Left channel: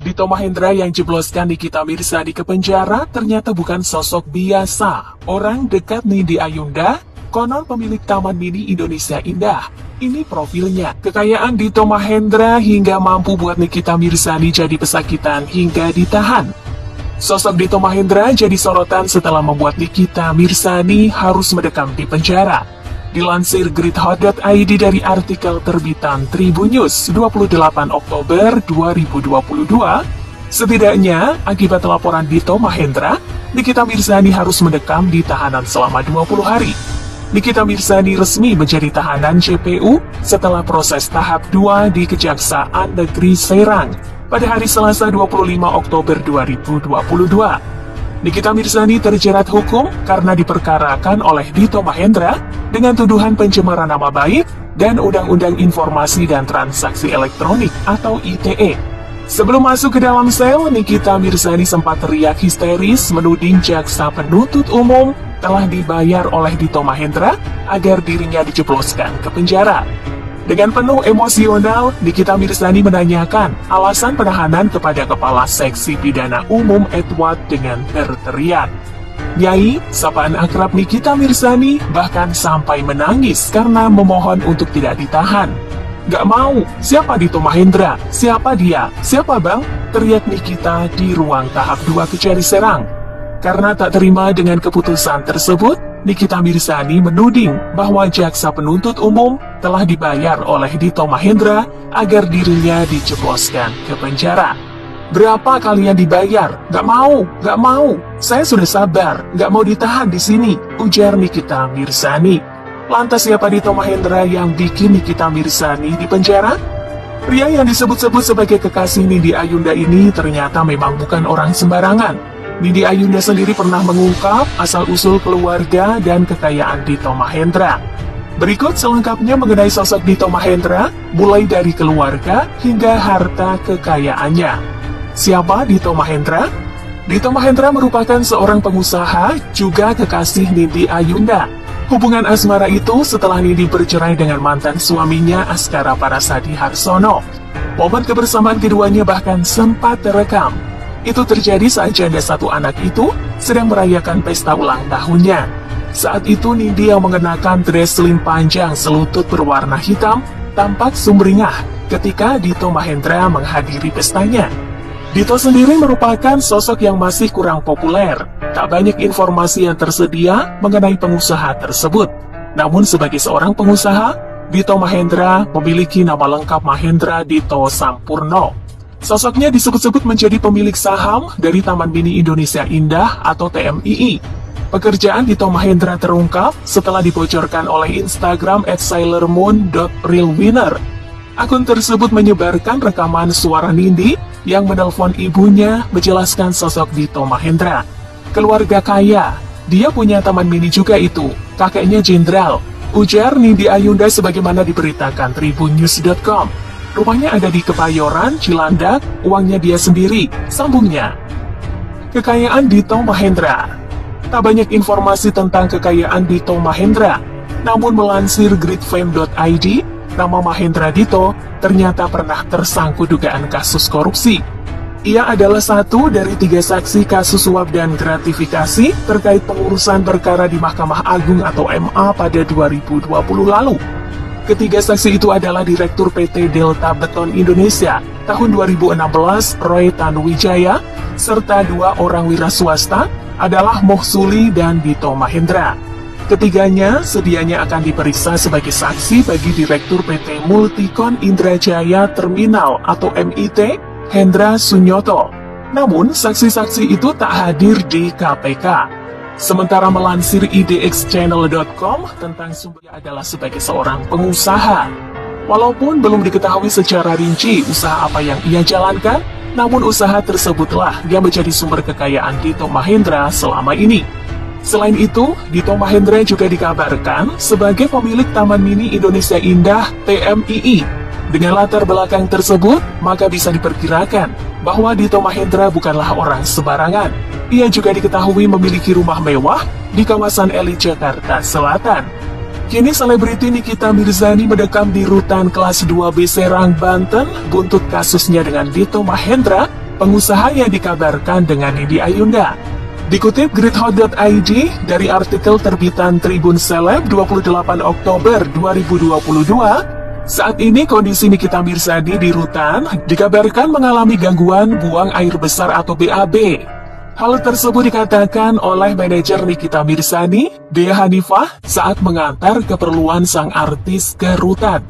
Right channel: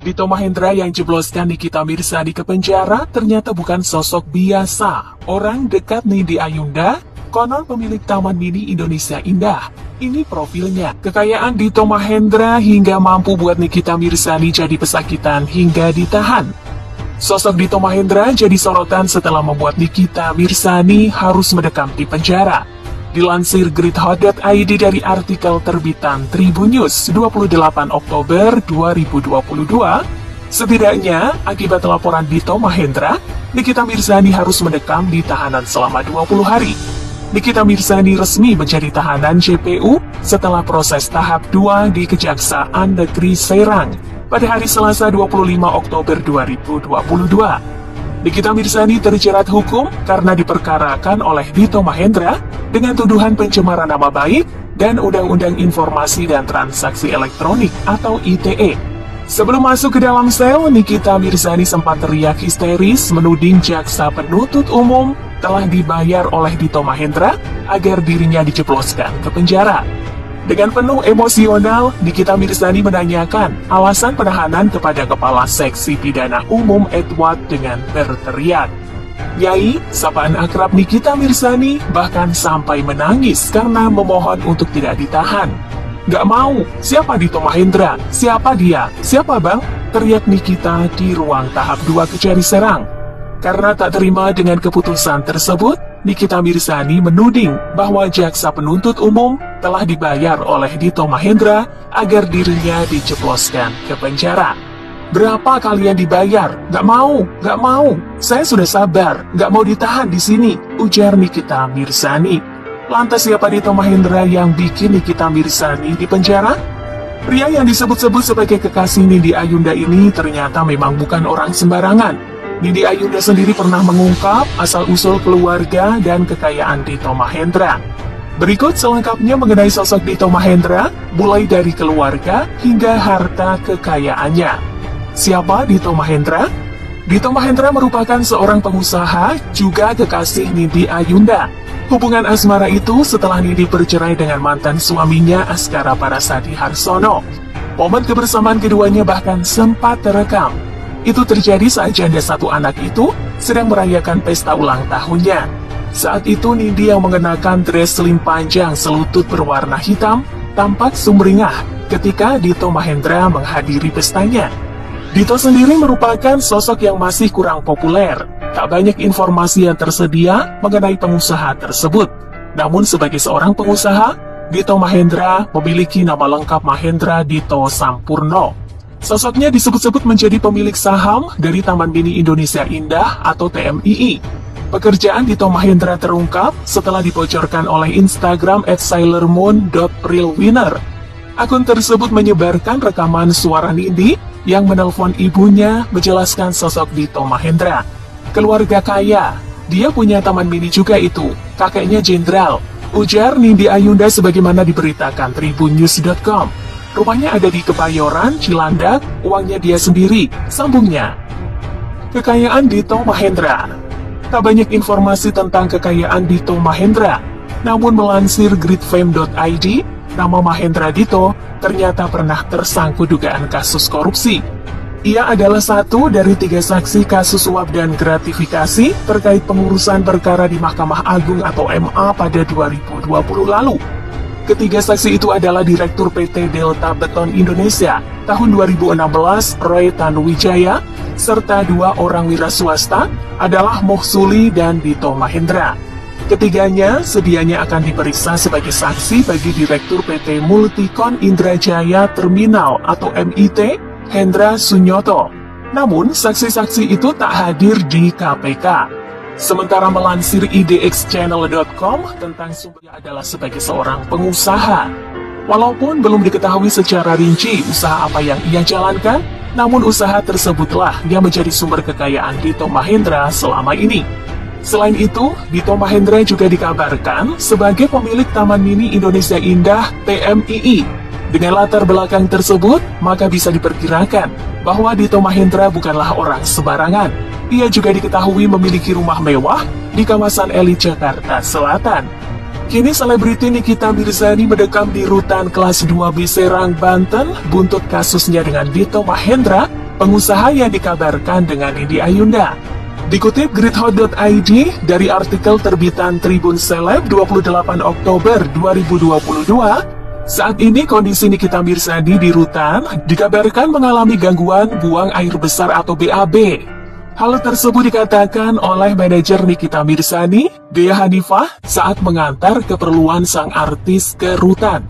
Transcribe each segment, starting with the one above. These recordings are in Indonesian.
Dito Mahendra yang jebloskan Nikita Mirzani ke penjara ternyata bukan sosok biasa. Orang dekat Nindi Ayunda, konon pemilik Taman Mini Indonesia Indah. Ini profilnya. Kekayaan Dito Mahendra hingga mampu buat Nikita Mirzani jadi pesakitan hingga ditahan. Sosok Dito Mahendra jadi sorotan setelah membuat Nikita Mirzani harus mendekam di penjara. Dilansir gridhot.id dari artikel terbitan Tribun News 28 Oktober 2022, setidaknya akibat laporan Dito Mahendra, Nikita Mirzani harus mendekam di tahanan selama 20 hari. Nikita Mirzani resmi menjadi tahanan JPU setelah proses tahap 2 di Kejaksaan Negeri Serang pada hari Selasa 25 Oktober 2022. Nikita Mirzani terjerat hukum karena diperkarakan oleh Dito Mahendra dengan tuduhan pencemaran nama baik dan Undang-Undang Informasi dan Transaksi Elektronik atau ITE. Sebelum masuk ke dalam sel, Nikita Mirzani sempat teriak histeris menuding jaksa penuntut umum telah dibayar oleh Dito Mahendra agar dirinya dijebloskan ke penjara. Dengan penuh emosional, Nikita Mirzani menanyakan alasan penahanan kepada Kepala Seksi Pidana Umum Edward dengan berteriak. Nyai, sapaan akrab Nikita Mirzani bahkan sampai menangis karena memohon untuk tidak ditahan. Gak mau, siapa Dito Mahendra? Siapa dia? Siapa bang? Teriak Nikita di ruang tahap 2 Kejari Serang. Karena tak terima dengan keputusan tersebut, Nikita Mirzani menuding bahwa jaksa penuntut umum telah dibayar oleh Dito Mahendra agar dirinya dijebloskan ke penjara. Berapa kalian dibayar? Gak mau. Saya sudah sabar, gak mau ditahan di sini, ujar Nikita Mirzani. Lantas siapa Dito Mahendra yang bikin Nikita Mirzani di penjara? Pria yang disebut-sebut sebagai kekasih Nindi Ayunda ini ternyata memang bukan orang sembarangan. Nindi Ayunda sendiri pernah mengungkap asal-usul keluarga dan kekayaan Dito Mahendra. Berikut selengkapnya mengenai sosok Dito Mahendra, mulai dari keluarga hingga harta kekayaannya. Siapa Dito Mahendra? Dito Mahendra merupakan seorang pengusaha, juga kekasih Nindi Ayunda. Hubungan asmara itu setelah Nindi bercerai dengan mantan suaminya Askara Parasadi Harsono. Momen kebersamaan keduanya bahkan sempat terekam. Itu terjadi saat janda satu anak itu sedang merayakan pesta ulang tahunnya. Saat itu Nindi yang mengenakan dress slim panjang selutut berwarna hitam tampak sumringah ketika Dito Mahendra menghadiri pestanya. Dito sendiri merupakan sosok yang masih kurang populer. Tak banyak informasi yang tersedia mengenai pengusaha tersebut. Namun sebagai seorang pengusaha, Dito Mahendra memiliki nama lengkap Mahendra Dito Sampurno. Sosoknya disebut-sebut menjadi pemilik saham dari Taman Mini Indonesia Indah atau TMII. Pekerjaan Dito Mahendra terungkap setelah dibocorkan oleh Instagram @sailormoon.realwinner. Akun tersebut menyebarkan rekaman suara Nindi yang menelpon ibunya menjelaskan sosok Dito Mahendra. Keluarga kaya, dia punya taman mini juga itu, kakeknya jenderal, ujar Nindi Ayunda sebagaimana diberitakan tribunnews.com. Rumahnya ada di Kebayoran, Cilandak, uangnya dia sendiri, sambungnya. Kekayaan Dito Mahendra. Tak banyak informasi tentang kekayaan Dito Mahendra, namun melansir gridfame.id, nama Mahendra Dito ternyata pernah tersangkut dugaan kasus korupsi. Ia adalah satu dari 3 saksi kasus suap dan gratifikasi terkait pengurusan perkara di Mahkamah Agung atau MA pada 2020 lalu. Ketiga saksi itu adalah Direktur PT Delta Beton Indonesia tahun 2016 Roy Tanuwijaya, serta 2 orang wira swasta adalah Mohsuli dan Dito Mahendra. Ketiganya sedianya akan diperiksa sebagai saksi bagi Direktur PT Multikon Indrajaya Terminal atau MIT, Hendra Sunyoto. Namun, saksi-saksi itu tak hadir di KPK. Sementara melansir idxchannel.com tentang sumbernya adalah sebagai seorang pengusaha. Walaupun belum diketahui secara rinci usaha apa yang ia jalankan, namun usaha tersebutlah yang menjadi sumber kekayaan Dito Mahendra selama ini. Selain itu, Dito Mahendra juga dikabarkan sebagai pemilik Taman Mini Indonesia Indah TMII. Dengan latar belakang tersebut, maka bisa diperkirakan bahwa Dito Mahendra bukanlah orang sembarangan. Ia juga diketahui memiliki rumah mewah di kawasan elit Jakarta Selatan. Kini selebriti Nikita Mirzani mendekam di rutan kelas 2B Serang, Banten, buntut kasusnya dengan Dito Mahendra pengusaha yang dikabarkan dengan Nindi Ayunda. Dikutip gridhot.id dari artikel terbitan Tribun Seleb 28 Oktober 2022, saat ini kondisi Nikita Mirzani di rutan dikabarkan mengalami gangguan buang air besar atau BAB. Hal tersebut dikatakan oleh manajer Nikita Mirzani, Dea Hanifah, saat mengantar keperluan sang artis ke rutan.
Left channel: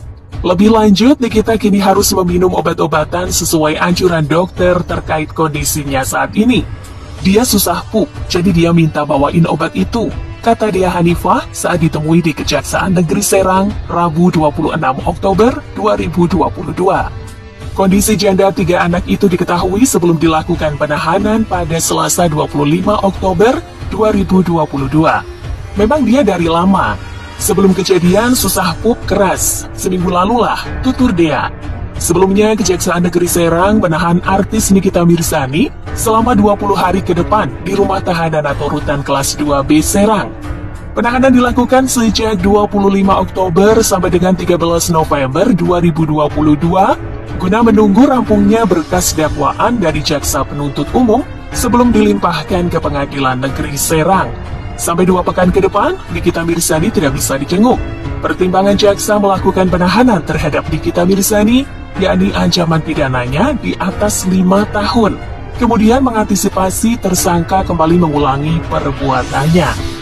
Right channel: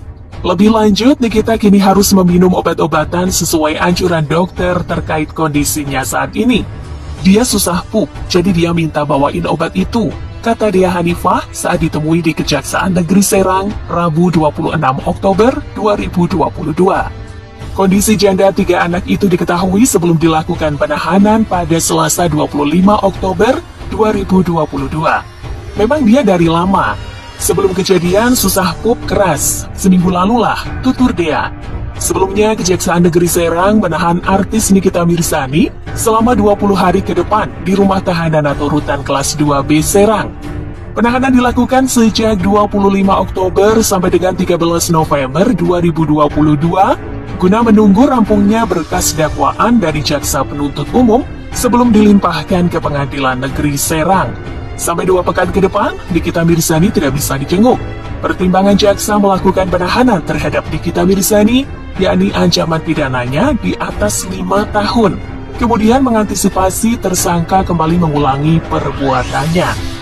Lebih lanjut, Nikita kini harus meminum obat-obatan sesuai anjuran dokter terkait kondisinya saat ini. Dia susah pup, jadi dia minta bawain obat itu, kata Dea Hanifah saat ditemui di Kejaksaan Negeri Serang, Rabu 26 Oktober 2022. Kondisi janda 3 anak itu diketahui sebelum dilakukan penahanan pada Selasa 25 Oktober 2022. Memang dia dari lama. Sebelum kejadian susah pup keras. Seminggu lalulah, tutur Dea. Sebelumnya, Kejaksaan Negeri Serang menahan artis Nikita Mirzani selama 20 hari ke depan di rumah tahanan atau rutan kelas 2B Serang. Penahanan dilakukan sejak 25 Oktober sampai dengan 13 November 2022 guna menunggu rampungnya berkas dakwaan dari jaksa penuntut umum sebelum dilimpahkan ke Pengadilan Negeri Serang. Sampai 2 pekan ke depan, Nikita Mirzani tidak bisa dijenguk. Pertimbangan jaksa melakukan penahanan terhadap Nikita Mirzani, yakni ancaman pidananya di atas 5 tahun. Kemudian mengantisipasi tersangka kembali mengulangi perbuatannya.